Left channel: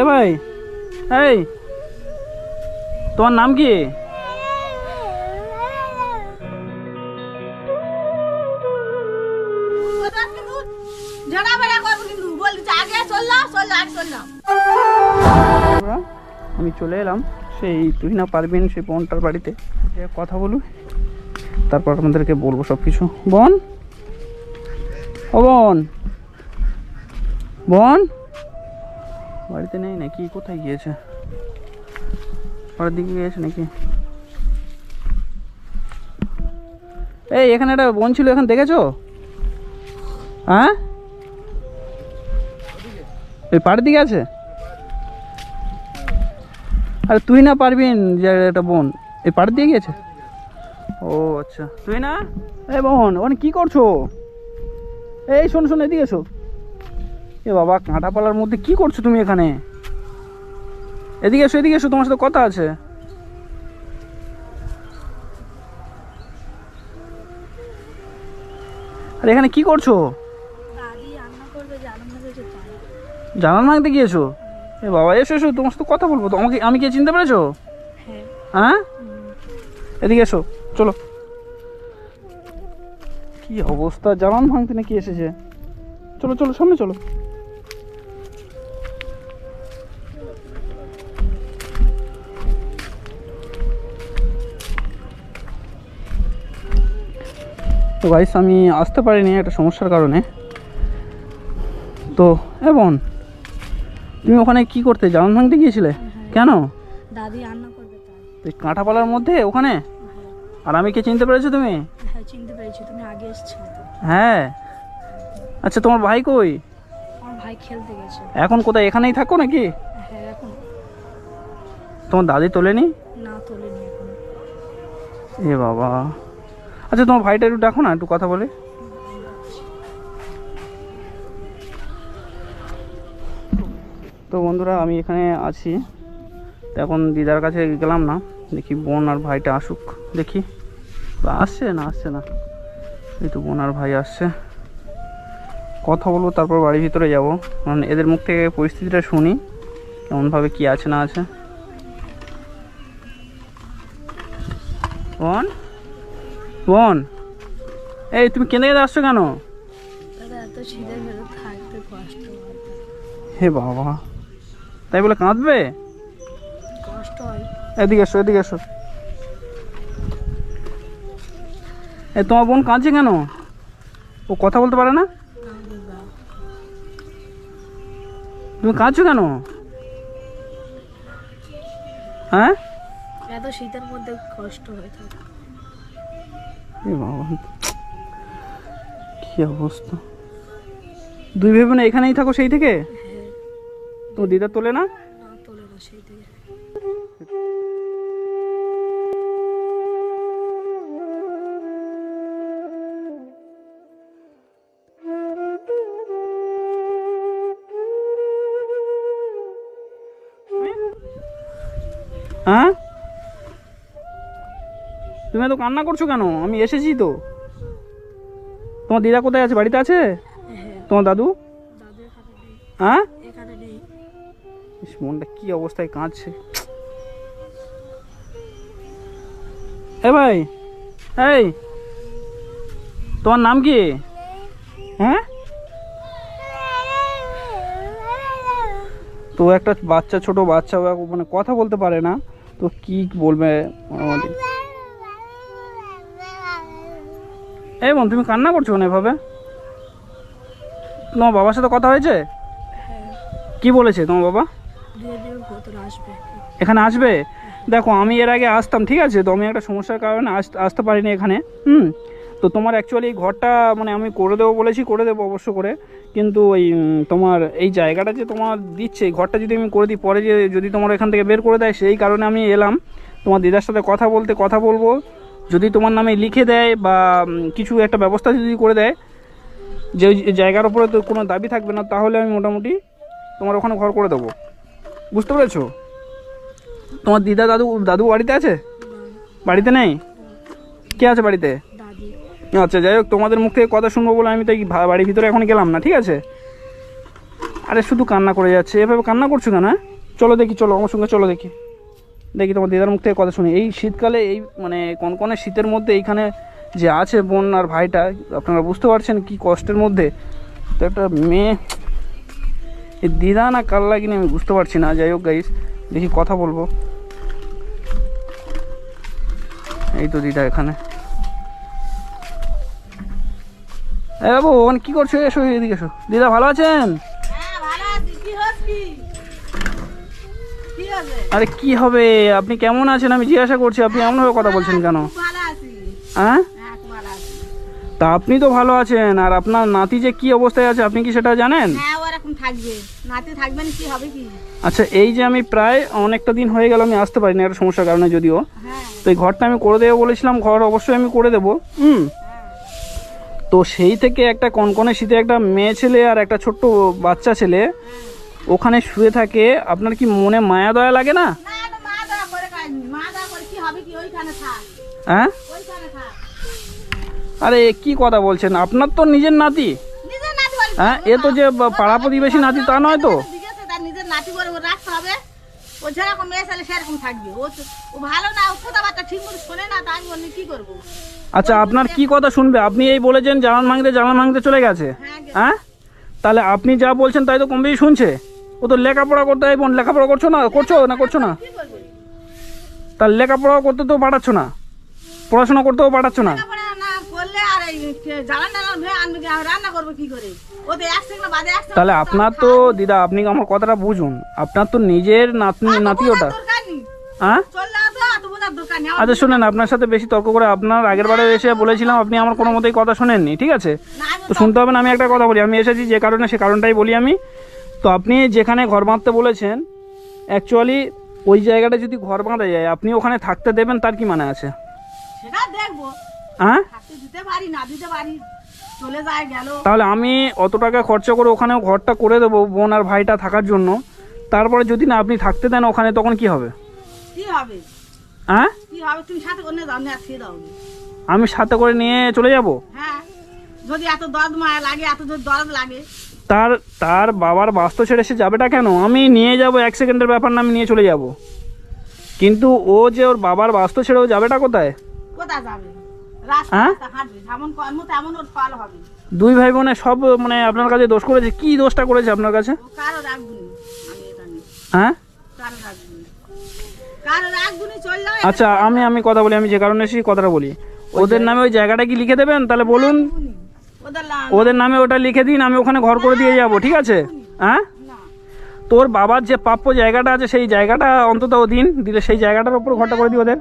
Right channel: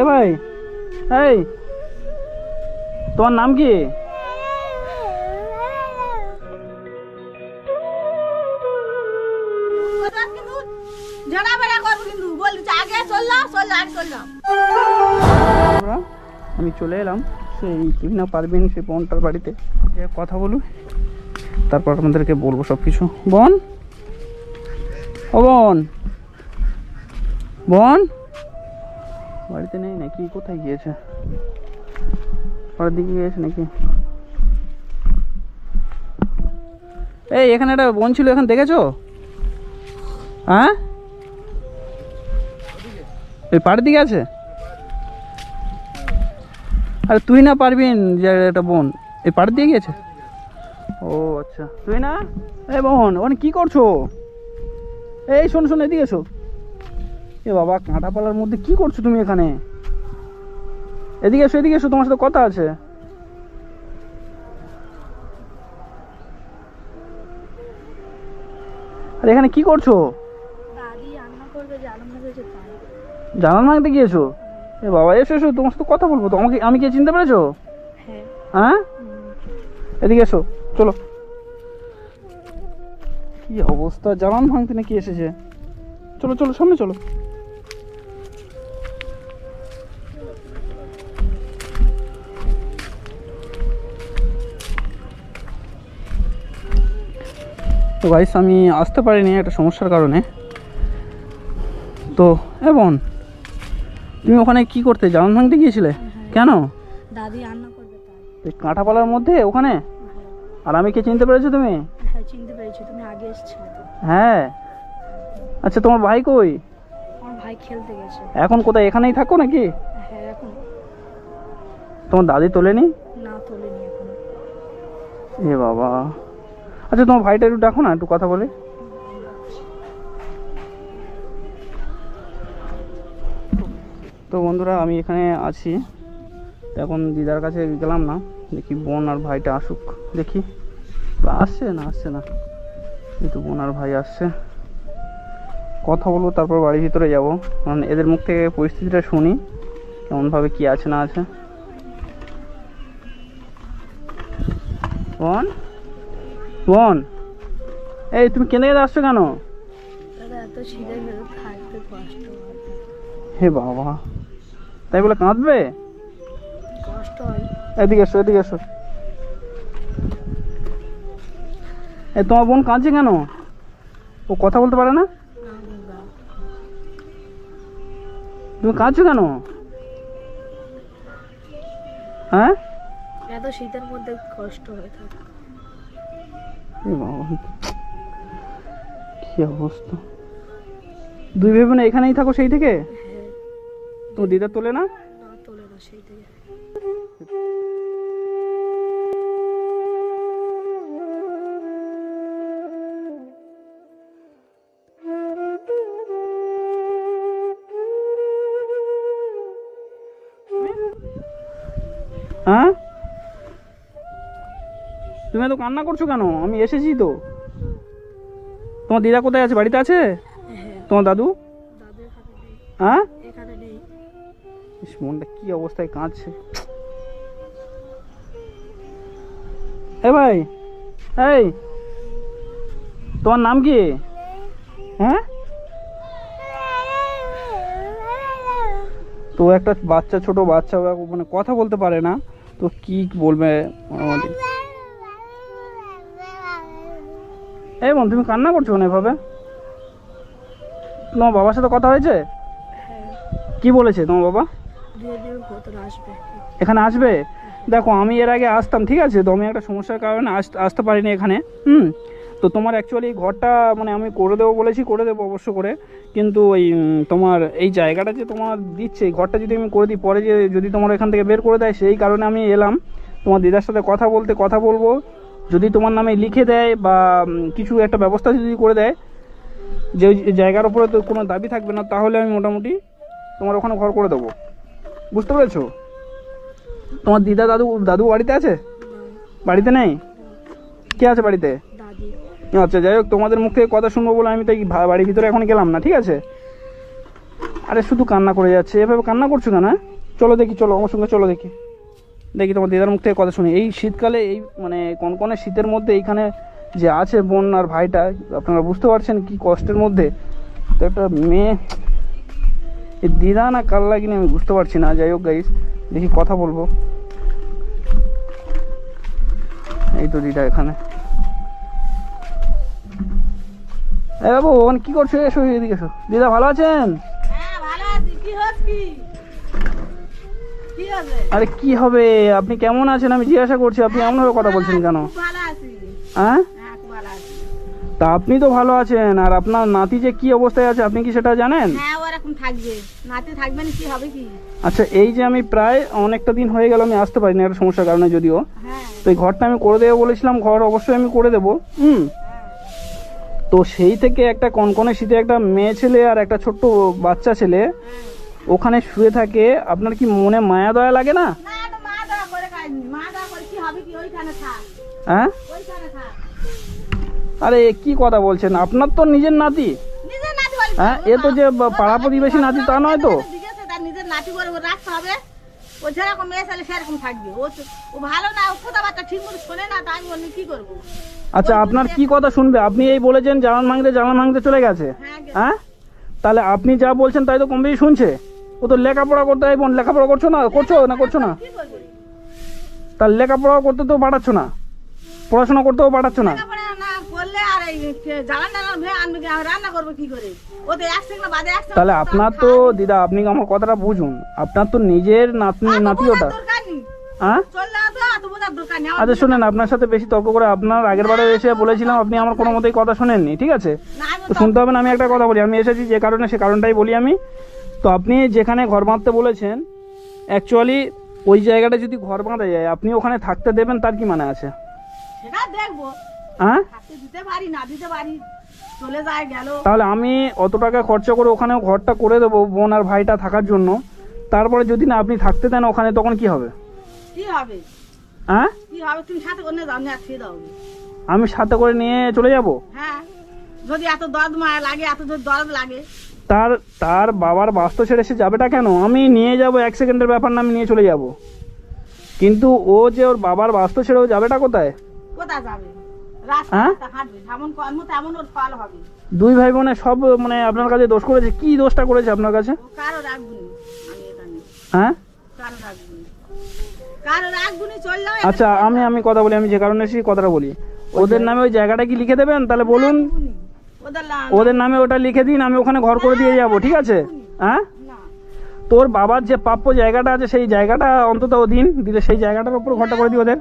এ ভাই, এই, তোমার নাম কি? আমি চলে এলাম সেই তুহিনা পারবেন সেই বোনটার বাড়িতে। কথা বলু তারপর আপনাদেরকে বলব সব কিছু বোন? ও বোন? বোন? বাড়িতে নেই নাকি? কোথায় গিয়েছে? পরের দিকে গিয়েছে নাকি? এই, এখানে একটা বোন ছিল, এখন দেখেছ? হ্যাঁ? এই পাড়ের দিকে আছে? আরে, তুই না পারবি যে একটা বোন। এই পাড় দিয়ে গিয়েছে? ও আচ্ছা। তুই না? এই বোন, ওখানে কি করছ? এই, শোন শোন, এদিকে এসো। এ বাবা কাঁটাপালার মধ্যে কি করছ তুমি এখানে? এদিকে এসো এদিকে এসো তোমার সাথে কথা আছে। আরে এখানে কি করছ? জানান ভাঙতে গিয়েছো? এ বাবা এসো এসো তোমার সাথে কথা বলব। তো আমাকে আমি কে চিনতে পেরেছ? হ্যাঁ। হ্যাঁ? এদিকে এসো চলো। কি অবস্থা? জানান ভাঙতে নাকি এসেছে? চলো চলো সামনে চলো। তো গাইস আমি আসতে পারিনি একটা সমস্যার কারণে। তো এবং তুমি ওখানে কি করতে? জানান ভাঙতে গিয়েছিলে? কেন? দাদি রান্না করবে তাই। কাঁটাপালার মধ্যে ওখানে? আর আমি কে চিনতে পেরেছ তুমি? হ্যাঁ চিনতে পেরেছি তুমি আগে এসেছিলে হ্যাঁ। আচ্ছা তোমার ভাই কই? আমার ভাই খেলতে গেছে। এখন কোথায় এখানেই থাকো নাকি? হ্যাঁ এখন। তোমার দাদি তোলেনি? না তোলেনি এখন। এ বাবা। আচ্ছা তোমার ভাইটা একটু ডাকো না, একটু কথা বলে। তো বন্ধুরা, আমি এখানে আছি। এখন দিদার কাছে গেলাম না। দেখি বোন আর ভাইটা আসুক। দেখি। আসছে না আসছে না। এই তো বোন আর ভাই আসছে। কথা বলব, তারপর বাড়ির ভিতরে যাব। কারণ এদের মুখ থেকে পরিস্থিতিটা শুনি, কেমনভাবে কি আছে না আছে। বোন? বোন এই তুমি কেঁদে কেঁদে আসছো কেন? হে বাবা তাই বলে কাঁদবে? কষ্ট এদিকে এসো এদিকে এসো। এ তোমার বোন কাঁদছে কেন? ও কথা বলতে পারে না? তুমি কাঁদছো কেন? হ্যাঁ? এত শীতের মধ্যে কষ্ট হয়ে থাকে। কি অবস্থা? দুই ভেবে না এখানেই থাকো সেই থেকে? তো দিদা তোলে না? না তোলে না সেই থেকে হ্যাঁ? তুমি এত কান্না করছ কেন? আমি এসেছি তো। তোমার দিদা কোথায় আছে? বাড়িতে আছে? হ্যাঁ। তোমার দাদু? হ্যাঁ? মনটা কি অবস্থায় কাঁদছে। এ ভাই এই তোমার নাম কি? হ্যাঁ? তো একটা বাচ্চা ছোট বাচ্চা মানে কথা বলতে পারে না। তো কি বলবে? মোটামুটি এই বোন তুমি কান্না করছ না এভাবে? তোমার বাবার সাথে কথা হয়েছে? হ্যাঁ। কি বলেছে তোমার বাবা? এখানে আসবে? দেখো আমি এর আগে আসতাম ঠিক আছে? তো আমি একটা সমস্যার কারণে আস- আসতে পারিনি এখানে হুম? তো তোমার অ্যাকচুয়ালি ঘরটা মানে আমি করে দেবো বলেছি করে দেবো অবশ্য করে। কিন্তু ওই তোমার এই জায়গাটা যে তোমার দিচ্ছে ঘরটা যদি আমি করে দিই পরে যে যদি তোমার এখান থেকে বের করে দেয় সেই কারণে আমি এলাম। তোমার দিদার সাথে কথা বলতে কথা বলব। যদি তোমার নামে লিখে দেয় বা কিছু একটা ব্যবস্থা যদি করে দেয় যে জায়গার উপরে তো কোনো দাবি থাকবে না তাহলে আমি মোটামুটি তোমার ওখানে ঘর করে দেবো। বুঝতে পেরেছ? তোমার দিদা দাদু দাদু বাড়িতে আছে? বাড়িতে নেই? কে আছে বাড়িতে? আচ্ছা যাই হোক তোমাদের মুখ থেকে কথা শুনব বলে আমি তো বাড়ির ভিতরে এখন গেলাম না ঠিক আছে? আরে শুধু কান্না করে যাচ্ছে। এভাবে কান্না করছ কেন হ্যাঁ? চলো দেখি চলো আমার সঙ্গে চলো দেখি। দেখি তোমার দিদার মুখ থেকে কথা শুনি। এই শীতকালে এই মানে কনকনে শীতের মধ্যে এইখানে যে আছে বোন আর ভাইটা, আপনারা বুঝতে পারছেন কি কষ্টের মধ্যে। তো একটা মেয়ে এই দিদা না কাল লাগিনি আমি বুঝতে পারছি না। যাই হোক গাইস দেখি কথা বলব। এই তো দিদা এখানে। এ বাবু ওখানে কি করছ? এসো এদিকে এসো। দিদা ভালো আছেন? আরে কি হবে? আপনি কেমন আছেন? আমি জিজ্ঞাসা করছি আপনি এমনভাবে কথা বলছেন কেন? হ্যাঁ? হ্যাঁ তা আপনি তো ভালো আছেন আর আপনার নাতি যে কি অবস্থায় আছে আপনি কি সেটা জানেন? হ্যাঁ আচ্ছা এই যে আমি প্রায় অনেকটা দিন হয়ে গেল আমি আসতে পারিনি একটা সমস্যার কারণে যদিও। হ্যাঁ। তো এই ঘরটা আমি করে দেবো বলেছিলাম ঘর অবশ্যই আমি করে দেবো। হুম। তো সেই থেকে একটা কনকনে শীতে একটা মেয়ে ছেলে আর একটা ছোট্ট বাচ্চা ছেলে ওখানে শুয়ে থাকে আপনার কি মনে মায়া দয়া লাগে না? হ্যাঁ? আরে কি কথা বলছেন? আপনার তো নিজের নাতি। হ্যাঁ এ তো যে পাড়া প্রতিবেশী নাতি তা নয় তো। নিজের নাতি করে রাখতে হবে? ও যেরকম মেয়ে ছেলে সেরকম থাকবে। ও ও ভালো না ও কথাবার্তা ঠিক মতো শোনে না তা আমি বলি কি করব? আচ্ছা আপনার কি কথা শুনবে? আপনি এই বলেছেন জানান ভাঙতে জানান ভাঙতে চলে গেছে। হ্যাঁ হ্যাঁ? তাহলে আপনি যা বলছেন তাই তো কম বেশি শুনছে? ও তো লেখাপড়া করতে হয় বোন লেখাপড়া করছ না? করছ না করছ না? তার লেখাপড়া করতে তো পাঠাচ্ছ না। পড়াশোনা করতেও পাঠাচ্ছ না। এই তাহলে আপনার তো দিদা আপনি আমার কথাটা বুঝুন। আপনার তো নিজের নাতনি নাতি ওটা হ্যাঁ? আচ্ছা শুনেন আপনার সাথে বেশি তর্ক করে আপনার আগের বারে এসে বলেছিলাম আপনি আমার কোনো মতেই কথা শোনেননি ঠিক আছে? তো শুনতে হবে না আমি একটা কথা বলি। আমি এসেছি যে কারণে সে কারণটাই বলি আমি। তো আপনি যেখানে ঘর বাঁধতে বলেছেন অ্যাকচুয়ালি ওই জায়গাটা যদি ঘর বাঁধা যায় আপনি ওখানে থাকতে দেবেন তার কি মানে আছে? সেটা দেখব। হ্যাঁ? দিতে পারি না দিতে পারি চলে যায় গেল। তাহলে আমি অত টাকা খরচা করে ওখানে ঘরটা করে দেবো বোন আর ভাইটা থাকার জন্য। তারপরে যদি না আপনি থাকতে দেন ওখানে তখন কি হবে? কি হবে? হ্যাঁ? কি হবে? তুমি সাথে অন্য দাও না খেয়ে দাও। আমি সাথে করে নিয়ে চলে যাব? হ্যাঁ। যদি এত দরদ মায়া লাগে এত যদি দরদ লাগে। তার তার বাবার বাস্তু ছেড়ে সে যাবেটা কেন? আমি নিয়ে যাব এক সেকেন্ডের ব্যাপার না আমি নিয়ে চলে যাব। কিন্তু ও যে ওর বাবার বাস্তু ছেড়ে ও যাবেটা কোথায়? কোথায় যাবে? হ্যাঁ? দুই ভাই বোনে সব মানে আপনার কাছে দোষ করেছে? কি দোষটা করেছে আপনার কাছে? হ্যাঁ? আচ্ছা আমি আমি কথা বলি আমি যে কারণে এসেছি কথাটা বলি। ওদের নামে ওই জায়গাটা কি লিখে দেবেন? তাহলে বলুন। ওদের নামে ওটা লিখে দিন আমি ওখানে ঘর করে দিয়ে যাব ঠিক আছে? হ্যাঁ? তোর বাবার যে প্রাপ্য জায়গাটা আছে সেই জায়গাটা অন্তত ও দিন দিলে সেই জায়গাটার উপর ঘরটা করে দিই ওদের।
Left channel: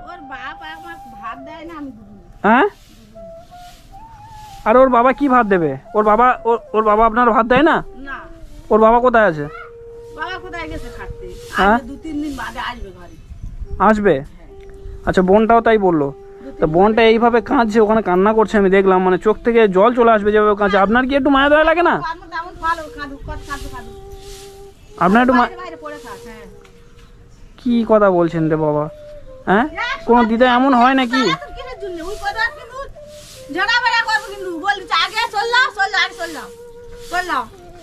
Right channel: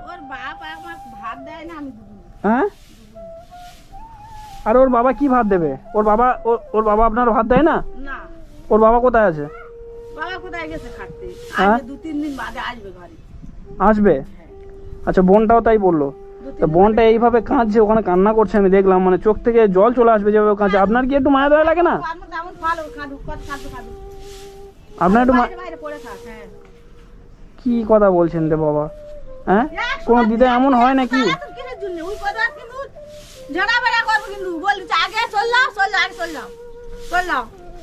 হ্যাঁ? আর ওর বাবা কি ভাত দেবে? ওর বাবা ওর- বাবা আপনার ভাত দেয় না? ওর বাবা কোথায় আছে? হ্যাঁ? আসবে আসবে? আচ্ছা বোনটাও তাই বলল। তা বোনটা এইভাবে কাঁদছে ওখানে কান্না করছে আমি দেখলাম মানে চোখ থেকে জল চলে আসবে যেভাবে কাঁদছে। আপনার কি একটু মায়া দয়া লাগে না? আপনার একটু হ্যাঁ। কি কথা বলছেন রে বাবা? হ্যাঁ? কোনো দিদা এমন হয় নাকি?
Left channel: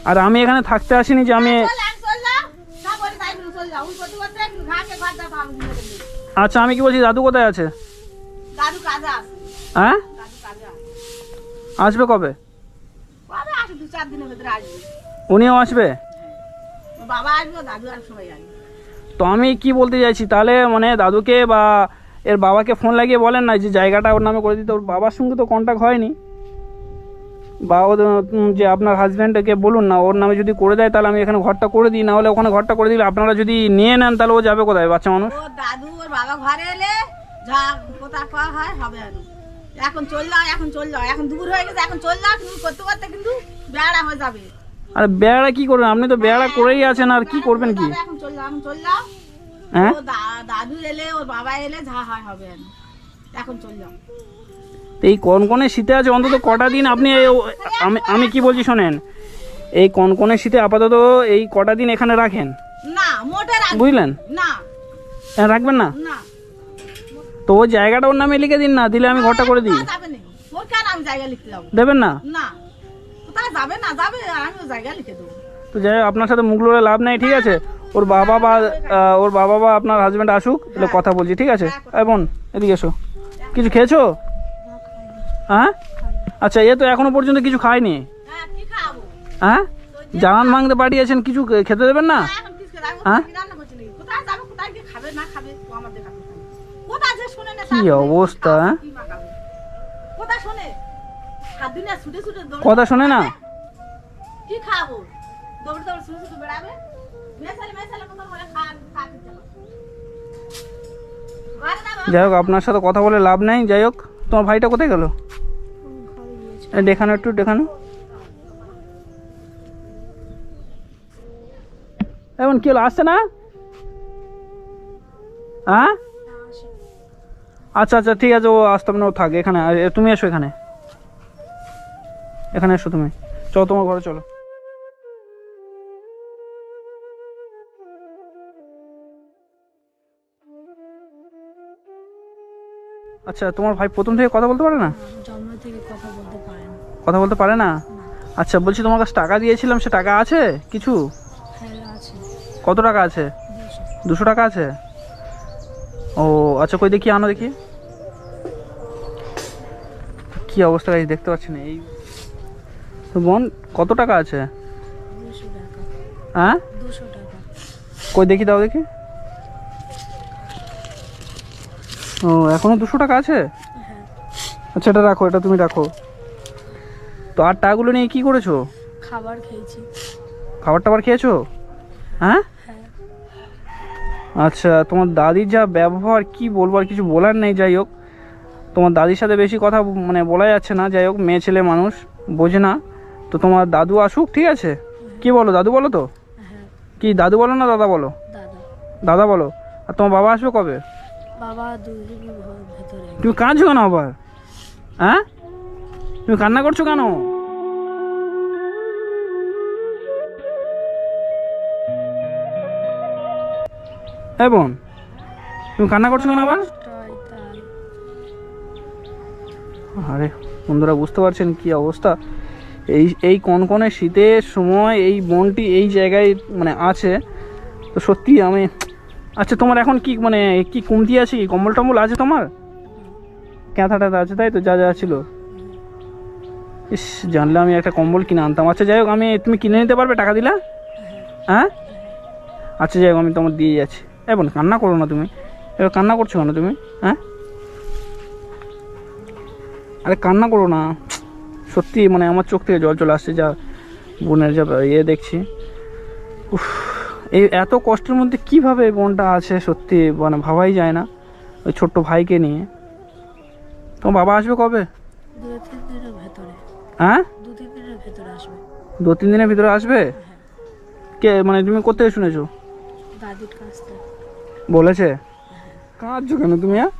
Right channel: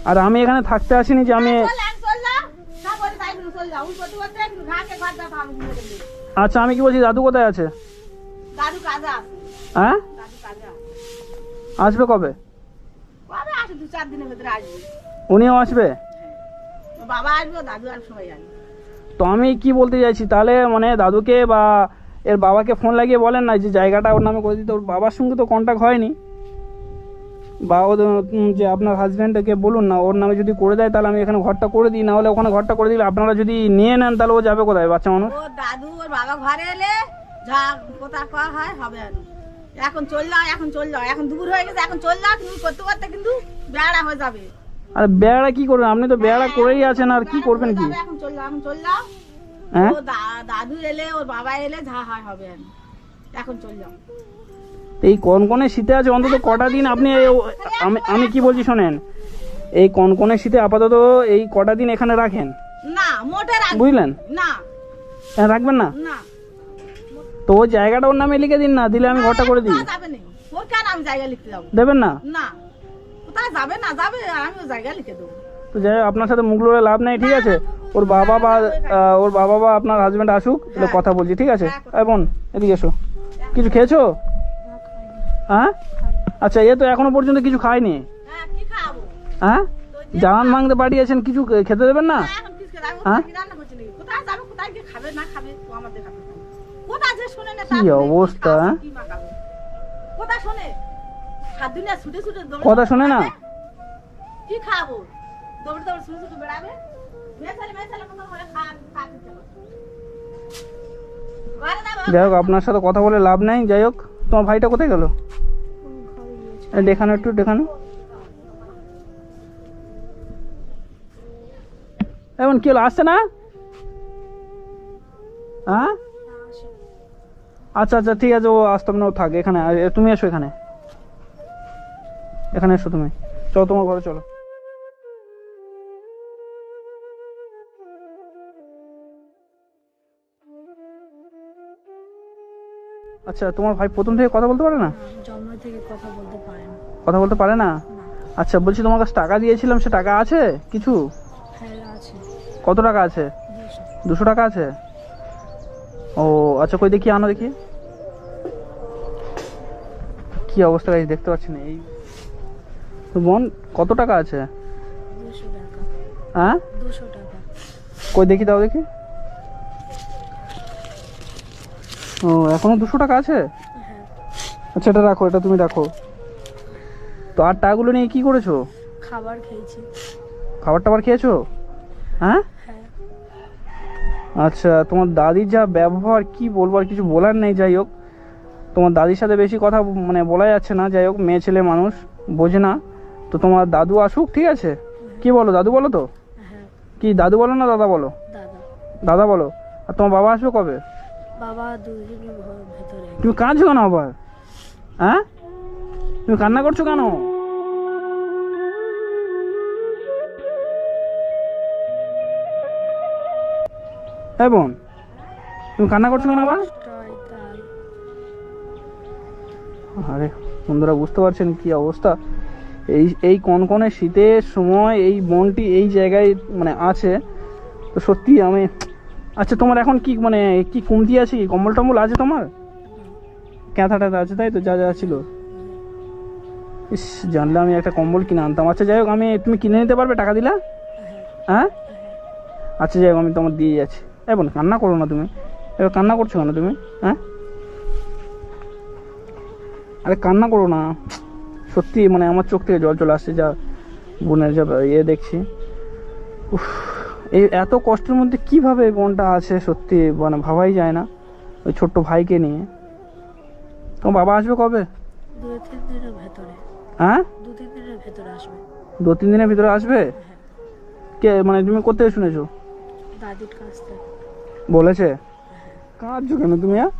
আর আমি এখানে থাকতে আসিনি যে আমি। আচ্ছা আমি কি বলছি দাদু কোথায় আছে? হ্যাঁ? আসবে কবে? উনিও সবাই আসবে। তো আমি কি বলতে চাইছি? তাহলে মানে দাদুকে বা এর বাবাকে ফোন লাগিয়ে বলেন না যে জায়গাটা ওর নামে করে দিতে। ওর বাবার সঙ্গে তো কন্ট্যাক্ট হয়নি। বা ও যে আপনার হাজব্যান্ডকে বলুন না ওর নামে যদি করে দেয় তাহলে আমি এখানে ঘরটা করে দিই। না হলে ওখানে ঘরটা করে দিলে আপনারা যদি নিয়ে নেন তাহলে ও যাবে কোথায় বাচ্চা মানুষ? দাদু ওর বাবা ঘরে এলে যা কোথা করা হয় হবে আর এখন চললাম এখন চললাম এখন দুপুর হয়ে গেছে এখন চললাম তুমি করতে করতে কিন্তু বেড়া হয়ে যাবে। আর বেড়া কি করবেন? আপনি তো বেড়া করেই আছেন আর কি করবেন কি? এখন চললাম এখন চললাম হ্যাঁ? দাদু এলে ওর বাবা এলে যা হয় হবে আর এখন চললাম এই কনকনে শীতে আছে অন্তত কটা দিন আপনি আমি আমি কি বলছি শোনেন? এই কনকনে শীতে আপাতত এই কটা দিন এখানে রাখেন? না মোটে বুঝলেন? না। হ্যাঁ, রাখবেন না? না। তো ওই জায়গাটা ওর নামে লিখে দিন না দিলে আমি ঘরটা করে দিই যাবে না ওর কেন আমি জায়গা লিখতে যাব দেবেন না না কোথায় যাবে না যাবে আমি জায়গা লিখে দেবো তো যাই হোক, আপনার সাথে মুখ লড়ে লাভ নেই ঠিক আছে ওর বাবা বা ওর বাবা বা আপনার হাজব্যান্ড আসুক তাহলে কথা বলছি ঠিক আছে এই বোন এদিকে এসো কিছু খেয়েছো হ্যাঁ আচ্ছা এ তো এখনও পর্যন্ত কিছু খায়নি হ্যাঁ কি খাব হ্যাঁ জানান ভাঙতে পাঠিয়েছেন কিছু খেতে দেবেন না হ্যাঁ? কি অবস্থা, কথা শোনে না? কি খাব? দৌড়ে দৌড়ে বেড়াবে? যাই হোক আপনার সাথে কথা বলে লাভ নেই যাই হোক তোমার ভাইটা কোথায় গেল? দেখানো একটু দেখানো। এমন কি হলো আসছে না? হ্যাঁ আচ্ছা আচ্ছা ঠিক আছে ও আসতে হবে না ও থাক এখানে। তুমি এসো এখানে। এখানে এসো তুমি। চলো তোমার ঘরে চলো। আচ্ছা তোমার ভাই প্রথম থেকে কথা বলতে পারে না? জন্ম থেকে কথা বলতে পারে না। কথা বলতে পারে না? আচ্ছা বলছি তোমার কাছে টাকা দিয়েছিলাম সে টাকা আছে? কিছু? হ্যাঁ কত টাকা আছে? দুশো টাকা আছে? ও আচ্ছা কই দেখি আনো দেখি। কি অবস্থা গাইজ দেখতে পাচ্ছি না এই তো বোন কত টাকা আছে? হ্যাঁ? কই দেখি দাও দেখি। ও এখনও দুশো টাকা আছে? হ্যাঁ। আচ্ছা এটা রাখো এটা তুমি রাখো। তো আর টাকাগুলো নিয়ে কি করেছ? খাবার খেয়েছি। খাবার টাবার খেয়েছো? হ্যাঁ? হ্যাঁ। আচ্ছা তোমার দাদির যা ব্যবহার কি বলব আর কিছু বলার নেই যাই হোক। তোমার দাদির সাথে বেশি কথা মানে বলা যাচ্ছে না যাই হোক মেয়ে ছেলে মানুষ বোঝে না। তো তোমার দাদু আসুক ঠিক আছে? কি বলো দাদু বলো তো? হ্যাঁ। কি দাদু বলো না দাদা বলো? দাদা। দাদা বলো। আর তোমার বাবা আসবে কবে? বাবা তুমি কাঁদছো কেন আবার? হ্যাঁ? তুমি কান্না করছ কেন? হ্যাঁ বোন। তুমি কান্না করছ কেন আবার? আরে, বন্ধুরা বুঝতে পারছেন কি অবস্থা? এই এই কনকনে শীতের সময় এই বনটি এই জায়গায় মানে আছে। তো সত্যি আমি আচ্ছা তোমার এখন কি মানে কি কমতি আছে কি? কম্বল টম্বল আছে তোমার? ক্যাথা ট্যাথা আছে, তাই তো? যা যা ছিল। ইস জানলে আমি একটা কম্বল কিনে আনতাম। আচ্ছা যাই হোক, আমি তুমি কিনে নিতে পারবে টাকা দিলা? হ্যাঁ? আচ্ছা যাই হোক, আমি তোমার দিয়ে যাচ্ছি। এখন কান্না করো না তুমি। এবার কান্না করছ কেন তুমি? হ্যাঁ? আরে, কান্না করো না। সত্যি মানে আমার চোখ থেকে জল চলে আসছে, যা বোনের যা ইয়ে দেখছি। এই এত কষ্টের মধ্যে কীভাবে বোনটা আছে সত্যি মানে ভাবাই যায় না, ওই ছোট্ট ভাইকে নিয়ে। তোমার বাবা আসবে কবে? হ্যাঁ? দু তিন দিনের ভিতরে আসবে? কে মানে তুমি কোথায় শুনেছো? দাদির কাছ থেকে বলেছে? কাঁদছো কেন তুমি হ্যাঁ?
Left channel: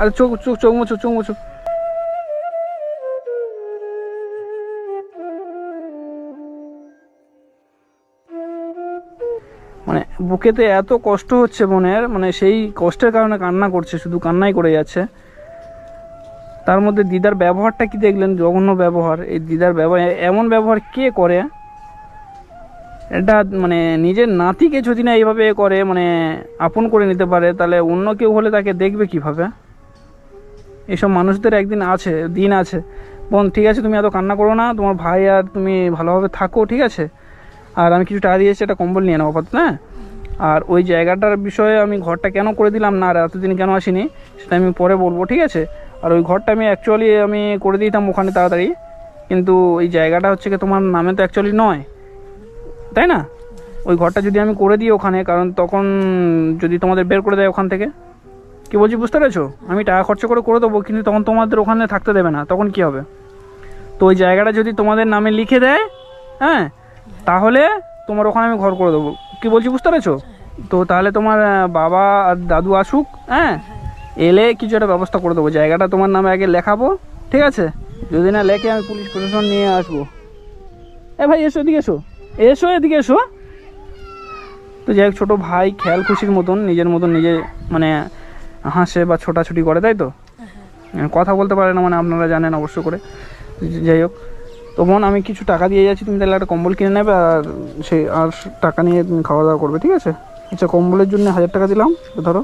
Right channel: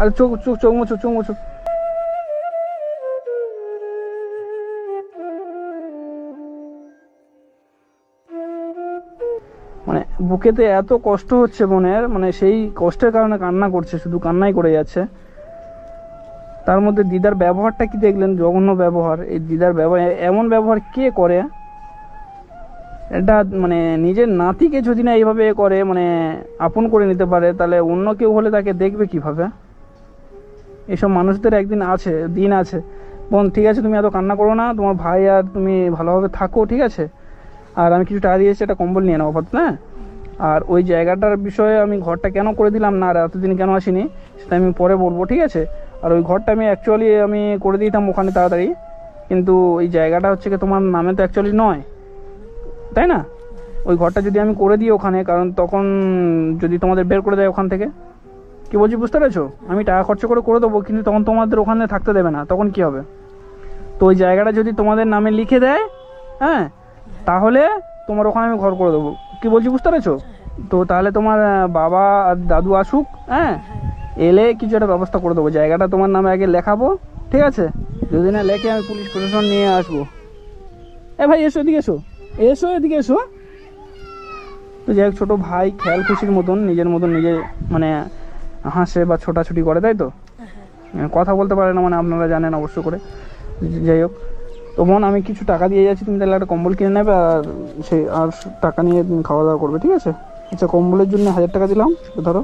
আরে চোখ চোখ চোখ মোছো চোখ মোছো। মানে বুকেতে এত কষ্ট হচ্ছে বোনের মানে সেই কষ্টের কারণে কান্না করছে শুধু কান্নাই করে যাচ্ছে। তার মধ্যে দিদার ব্যবহারটা কি দেখলেন? জঘন্য ব্যবহার। এই দিদার ব্যবহার এমন ব্যবহার কে করে? এটা মানে নিজের নাতিকে যদি না এইভাবে করে মানে আপন করে নিতে পারে, তাহলে অন্য কেউ হলে তাকে দেখবে কীভাবে? এসব মানুষদের একদিন আছে, দিন আছে। বোন, ঠিক আছে, তুমি এত কান্না করো না, তোমার ভাই আর তুমি ভালোভাবে থাকো, ঠিক আছে? আর আমি কিছু টাকা দিয়েছি, একটা কম্বল নিয়ে নাও আপাতত হ্যাঁ? আর ওই জায়গাটার বিষয়ে আমি ঘরটা কেন করে দিলাম না, আর এতদিন কেন আসিনি, সেটা আমি পরে বলব, ঠিক আছে? আর ওই ঘরটা আমি অ্যাকচুয়ালি আমি করে দিতাম ওখানে তাড়াতাড়ি, কিন্তু ওই জায়গাটা হচ্ছে কি তোমার নামে তো অ্যাকচুয়ালি নয়। তাই না? ওই ঘরটা যদি আমি করে দিই ওখানে, কারণ তখন যদি তোমাদের বের করে দেয় ওখান থেকে। কি বলছি, বুঝতে পেরেছ? আমি টাকা খরচ করে করে দেবো, কিন্তু তখন তোমাদের ওখানে থাকতে দেবে না, তখন কি হবে? তো ওই জায়গাটা যদি তোমাদের নামে লিখে দেয় হ্যাঁ তাহলে তোমার ওখানে আমি ঘর করে দেবো। কি বলছি, বুঝতে পেরেছ? তো তাহলে তোমার বাবা আর দাদু আসুক হ্যাঁ এলে কিছু একটা ব্যবস্থা করে দেবো। জায়গাটা তোমার নামে আগে লেখাবো, ঠিক আছে? যদি না লেখে আমি পুলিশ প্রশাসন নিয়ে আসব। এ ভাই, এসো, এদিকে এসো। এসো এদিকে এসো। তো যাই হোক ছোটো ভাই খেয়াল খুশির মতন নিজের মতন নিজে মানে হাসে বা ছোটাছুটি করে তাই তো? হ্যাঁ। কথা বলতে পারে না মানে আপনারা জানেন অবশ্য করে। যাই হোক তো বোন আমি কিছু টাকা দিয়ে যাচ্ছি তুমি তাহলে একটা কম্বল কিনে নেবে আর সেই আর টাকা নিয়ে তুমি খাওয়া দাওয়া করবে ঠিক আছে? আচ্ছা কম্বলের জন্য হাজার টাকা দিলাম ধরো।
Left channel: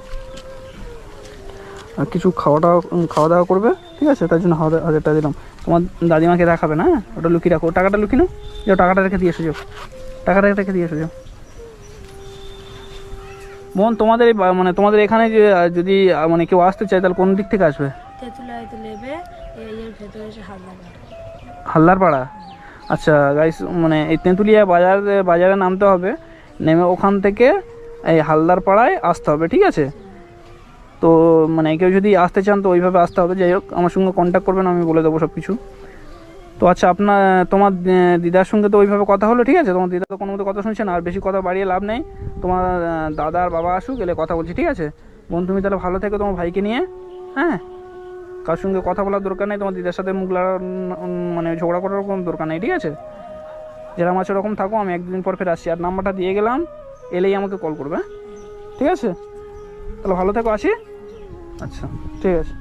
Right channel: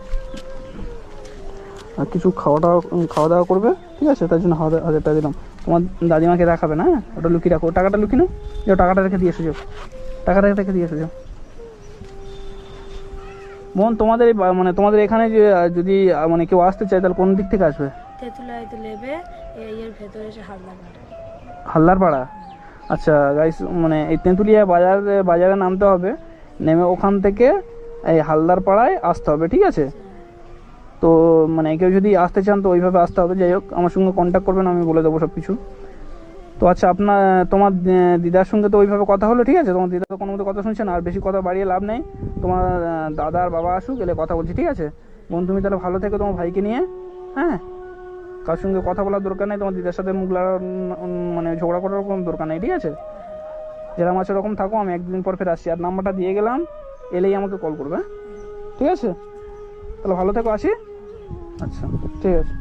আর কিছু খাওয়া দাওয়া খাওয়া দাওয়া করবে ঠিক আছে? তার জন্য হাজার হাজার টাকা দিলাম। তোমার দাদিমাকে দেখাবে না? ওটা লুকিয়ে রাখো। টাকাটা লুকিয়ে নাও। যাও টাকাটা রেখে দিয়ে এসো যাও। টাকাটা রেখে দিয়ে এসো যাও। বোন তোমাদের মানে তোমাদের এখানে যে যদি মানে কেউ আসতে চায় তাহলে কোন দিক থেকে আসবে? হালদার পাড়া আচ্ছা গাইস মানে এই তেঁতুলিয়া বাজার বাজারে নামতে হবে। নেমে ওখান থেকে এই হালদার পাড়ায় আসতে হবে ঠিক আছে? তো মানে কেউ যদি আসতে চান তো ওইভাবে আসতে হবে। যাই হোক আমার সঙ্গে কন্ট্যাক্ট করবেন আমি বলে দেবো সব কিছু তো আচ্ছা আপনার তোমার দিদার সঙ্গে তো ওইভাবে কথা হলো ঠিক আছে? তোমার দিদা তো কোনো মতো কথা শুনছে না আর বেশি কথা বাড়িয়ে লাভ নেই। তোমার দাদা আর বাবা আসুক এলে কথা বলছি ঠিক আছে? বোন তুমি তাহলে ভালো থেকো তোমার ভাইকে নিয়ে হ্যাঁ? কার সঙ্গে কথা বলার দরকার নেই তোমার দিদার সাথে মুখ উম, মানে ঝগড়া করার কোনো দরকার নেই ঠিক আছে? যেরকম আছে ওরকম থাকো আমি একদিন পর ফের আসছি। আর নাম্বারটা দিয়ে গেলাম এলেই আমাকে কল করবে হ্যাঁ? ঠিক আছে? তাহলে ভালো থেকো আসি? আচ্ছা। ঠিক আছে।